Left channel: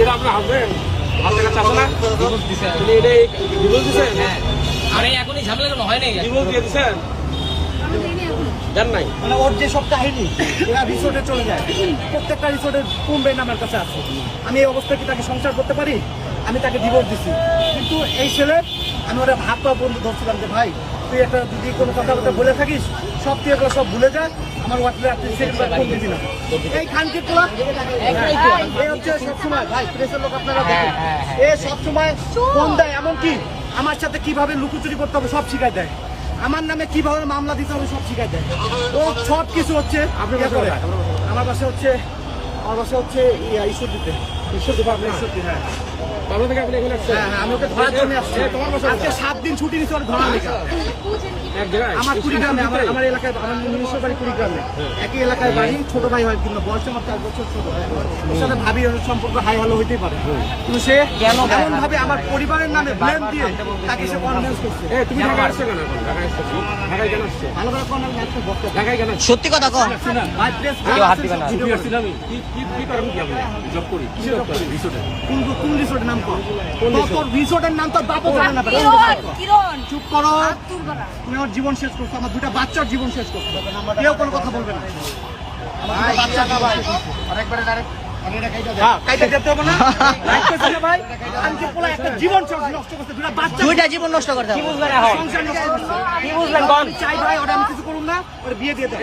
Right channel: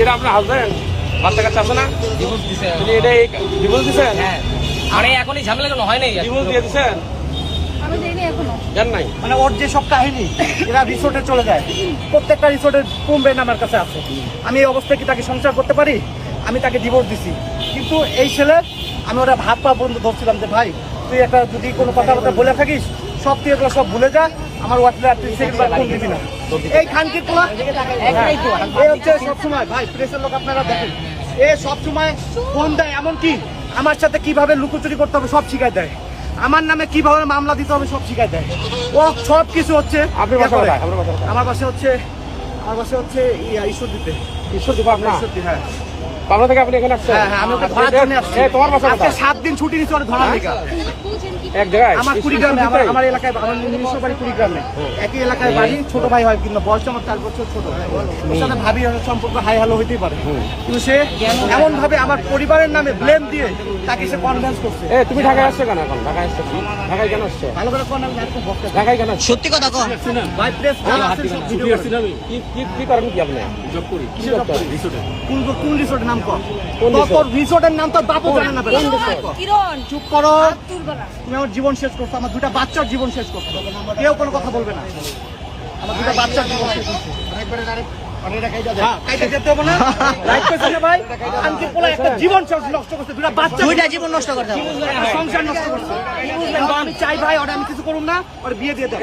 এটা আপনার হাজবেন্ড বাচ্চা কাচ্চা আছে না? তুমি এটা ডিভোর্স দিচ্ছেন? আরে এখনই ঝামেলা কেন হয় নাই? ডিভোর্স দিয়ে দিচ্ছেন? জান নাই মানে ওর যে সব কাহিনী এরা রিসোর্টে চলে যায়, প্রত্যেকটা রিসোর্টের কমবেন আমার কাছে আছে। আমি এই অবস্থায় কি তাকে সংসার করতে পারি? আমি তাকে ডিভোর্স দিছি, কিন্তু এই ছেলে আমি ওরা ভাত পা বন্ধু ধরছিলাম যে ভাই তুই একটা যদি কোনো কথাবার্তা বলে থাকিস সব তুই এগুলো সব ভুলে যা, আমার হোয়াটসঅ্যাপ ফোন দিবি না। এই খানকি তোলা এই হচ্ছে সবসময় ভাই প্রেসের লোক আপনারা দেখেন, এ সবসময় ফোন দেয়, এমনকি আমার সাথে কিভাবে লুকোচুরি করতে হবে সব শিখাই দেয়, আমার নামে কিভাবে মামলা দিতে হবে সব শিখাই দেয়, ও সব কিছু হচ্ছে। আমার বাসা হচ্ছে ঈশ্বর দিতে। ঈশ্বর দিব আপনার? হ্যাঁ পাবনা থেকে আপনি এখানে আসছেন? হ্যাঁ আমি ওকে ধরার জন্য আসছি। তোমার বাসা আজকে 7 দিন ছুটি নিচ্ছি ওর ধরার লেগে। এক জায়গায় আমার কুড়িগ্রামে, আমার এলাকায়, আমার নিজস্ব বাড়ি কুড়িগ্রামে, একই এলাকায় বাড়ি, ছোট ভাই হয় কিন্তু বয়স আমার 4 বছর ছোট। ওর সাথে ভাবি সম্পর্ক হাই হ্যালো হইতেই পারে, কিন্তু সে এমন ভাবে আমার পরিবারের নামে ব্লেম দিয়ে তাকে সে কনভিন্স করছে। তুমি ঢাকায় আসছো কেন? এখন ঢাকায় আসছো? ঢাকায় কেন আসছো? ভালো করে কনভিন্স করতে ঢাকায় কেন? সত্যি কথা কর। ভাই প্রেস কি করেন কি আপনি? জব করি। রিসোর্টে? কোন রিসোর্টের নাম কর? তোর রিসোর্টের নাম তোর বাপও জানে না। চুপ করো, তুমি আমার জীবন শেষ করছো, আমার 2টা বাচ্চার জীবন শেষ করছো, কেউ কোনো কথা বলবে না। আমার 2টা বাচ্চার জীবন শেষ করছো। দুইটা জীবন নষ্ট করতে হবে। আমি চাই ভাই ওটা আমি কিছু করুন না, ওর বিয়ে দিয়ে দেন।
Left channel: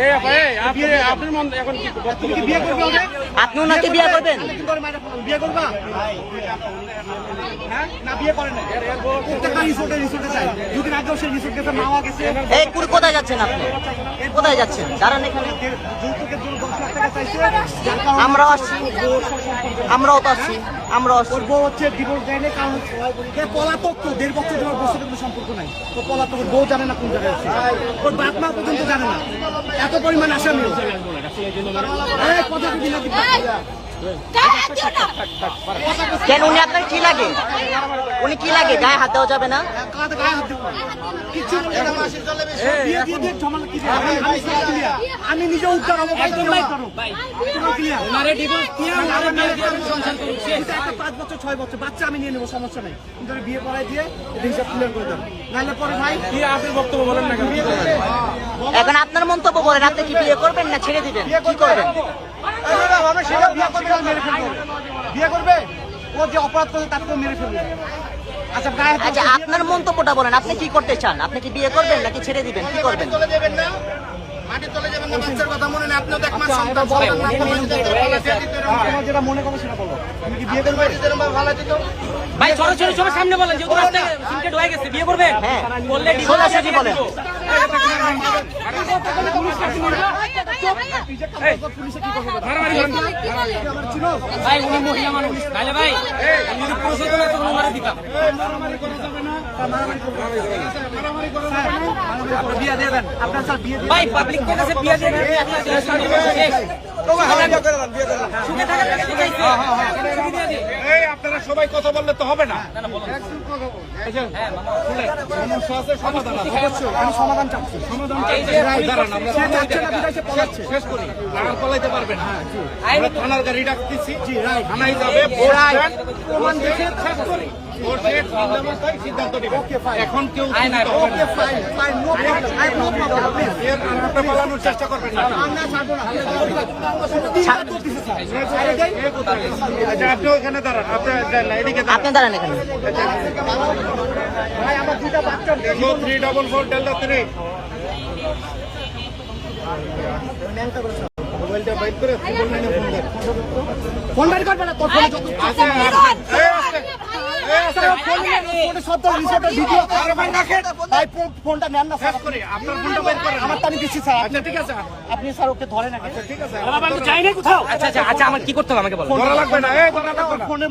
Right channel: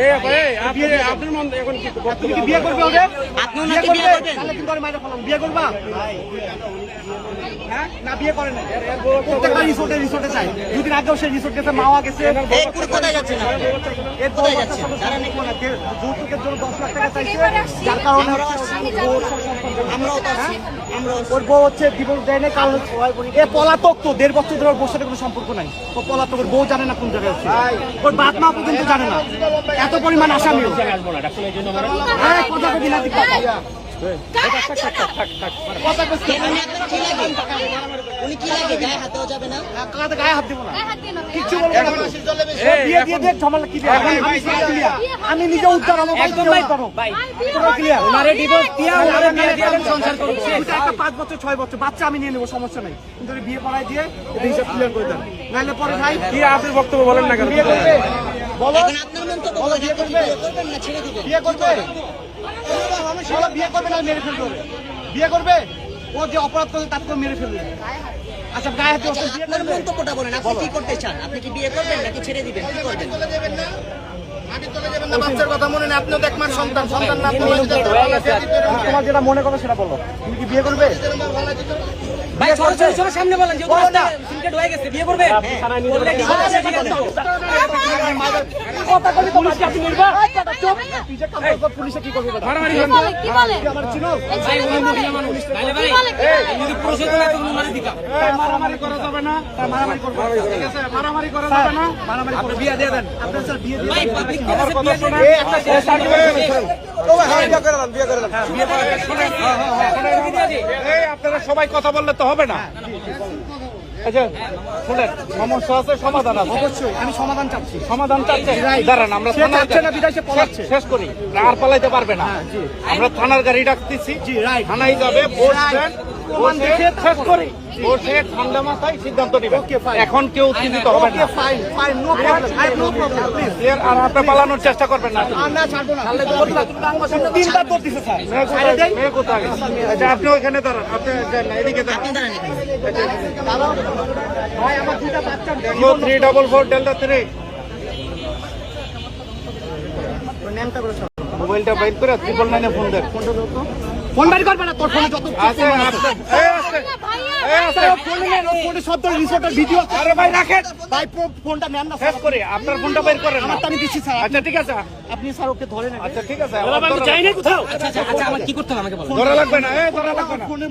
আপনার মন এখন কি বিয়ে করবে ওদের? আপনি ওনাকে বিয়ে করবেন? বিয়ে করবা? হ্যাঁ না বিয়ে করে না, প্রত্যেকটা রিসোর্টে চাই। 2 দিন আগেও সেই রিসোর্ট গেছে, মাওয়া গেছে। এই কুড়ি কোথায় যাচ্ছেন আপনি? কোথায় যাচ্ছেন? জানেন এখানে যৌতুকের জন্য 10 লাখ টাকা চাইছে, যার কারণে আমরাও আসছি, আমরাও তো আসছি, আমরাও আসছি। ওর বউ হচ্ছে ডিভোর্স দেয় না, কারণ এ পলাতক, তো 1.5 বছর ধরে ওর বউর সাথে কোনো সম্পর্ক নাই। ও পলাতক, ওর বউ জানে না কোন জায়গায় আছে, ওর বাপ মা পর্যন্ত জানে না, এত পরিমাণ আসামি। কথা কবি না কেন উনি আপনার কি লাগে? উনি কি লাগে? গায়ে হাত দেওয়া যাবে না? গায়ে হাত দিব না, কিছু বলবো না। বিয়ে দিয়ে দিয়ে ঝামেলা কি দিয়ে? আমি নিজে উদ্ধার, আমার ভাই নিজে উদ্ধার হোক। ওনারে ডিভোর্স দিয়ে ওনারে মেরে দিয়ে আমি সংসার করব। এটা একটা 5 বছর 6 বছর বাচ্চা আমি নিয়ে নেব, সমস্যা নেই, কিন্তু বিয়ে পড়ায় দিয়ে এটা হিসাব ক্লিয়ার করে দেন, নাহলে পরে ভাই কি আপনার বক্তব্য বলেন না কেন? এখন আপনার মন্তব্য বলেন, আপনি কি বিয়ে করবেন না ছেড়ে দিবেন? বিয়ে করবে, সেটা বিয়ে করবে না মেরে ফেলবে, বিয়ে করবে, ও যে অপরাধ করে তাকে মেরে ফেলবে। আচ্ছা গায়ে হাত আচ্ছা আপনার মন্তব্যটা বলেন, আপনি কি করতে চান? আপনি কি বিয়ে করবেন নাকি ছেড়ে দিবেন? কি করবেন? বাচ্চার কথা মনে নেই, আপনিও তো একমাস সন্তান, তোমার যেটা মনে করো সেটা বলো। তুমি কি বিয়ে করবে? ভাই ছোট সামনে বলেন, যে রাস্তা সিনকে ঢুকে গেছে, বিয়ে করবেন? বললে ডিভোর্স দিয়ে দিবেন। পুলিশে কি করবে? মারামারি করেন না। আমার চিনো ভাই উনি মহিলা মানুষ। ভাই ভাই আমি যদি পুরুষের জন্য এত মারা দিতাম। মারামারি করা যাবে না, মারামারি করবে, মারামারি করা যাবে না, মারামারি করে বিয়ে দিয়ে দেন। আপনার স্যার বিয়ে দিয়ে ভাই পাবলিক কে কাছে বিয়ে দেন? আপনারা সবাই কথা বললে তো হবে না। সমস্যা আছে, সমাধান আছে। অবশ্যই আমি সমাধান চাচ্ছি। সমাধান চাচ্ছেন? দাঁড়ান, আমরা সে চাচ্ছে না, বিদায় সে পলাচ্ছে। শেষ করি, আর পালাইতে পারবে না। আমরা থানার গাড়ি ডাকতেছি, রাইট, থানায় যাবে, বসবেন, প্রমাণ দেখে শেষ করি, বসে ঠান্ডা মাথায় সিদ্ধান্ত দিবেন। ওকে ফাইন, এখন কেউ চিন্তিত হবে না। Fine fine, no problem, I no problem, please. এর আর আপনি পালানোর চেষ্টা করবেন না। আমরা ছাড়বো না, তিনটা তো দিছে স্যার। এই কোথায়? আচ্ছা, আপনি ওখানে দাঁড়ান, আপনি যান না, এদিকে দাঁড়ান। আপনি দাঁড়ান এখানে। ভাই আমার 2টা বাচ্চা, 344 ডেল্টা 3 মোবাইলটা বাইর করে 999 ফোন দেন। ফোন বাড়ি করবে না, তোর ফোনে যত আচ্ছা, ফোনে সব তো রিসোর্টের ভিডিও। আরে ভাই রাখেন, ভাই ফোনটা নেন না, শেষ করে আপনার ফোনটা বাইর করেন। আমার তো আমি দিচ্ছি স্যার। আচ্ছা ঠিক আছে, আপনি স্যার ওকে ধরেন আগে। ঠিক আছে, আচ্ছা আমার কি করতে হবে আমাকে বলুন। ধরা লাগবে না, ধরা লাগবে না। ফোনে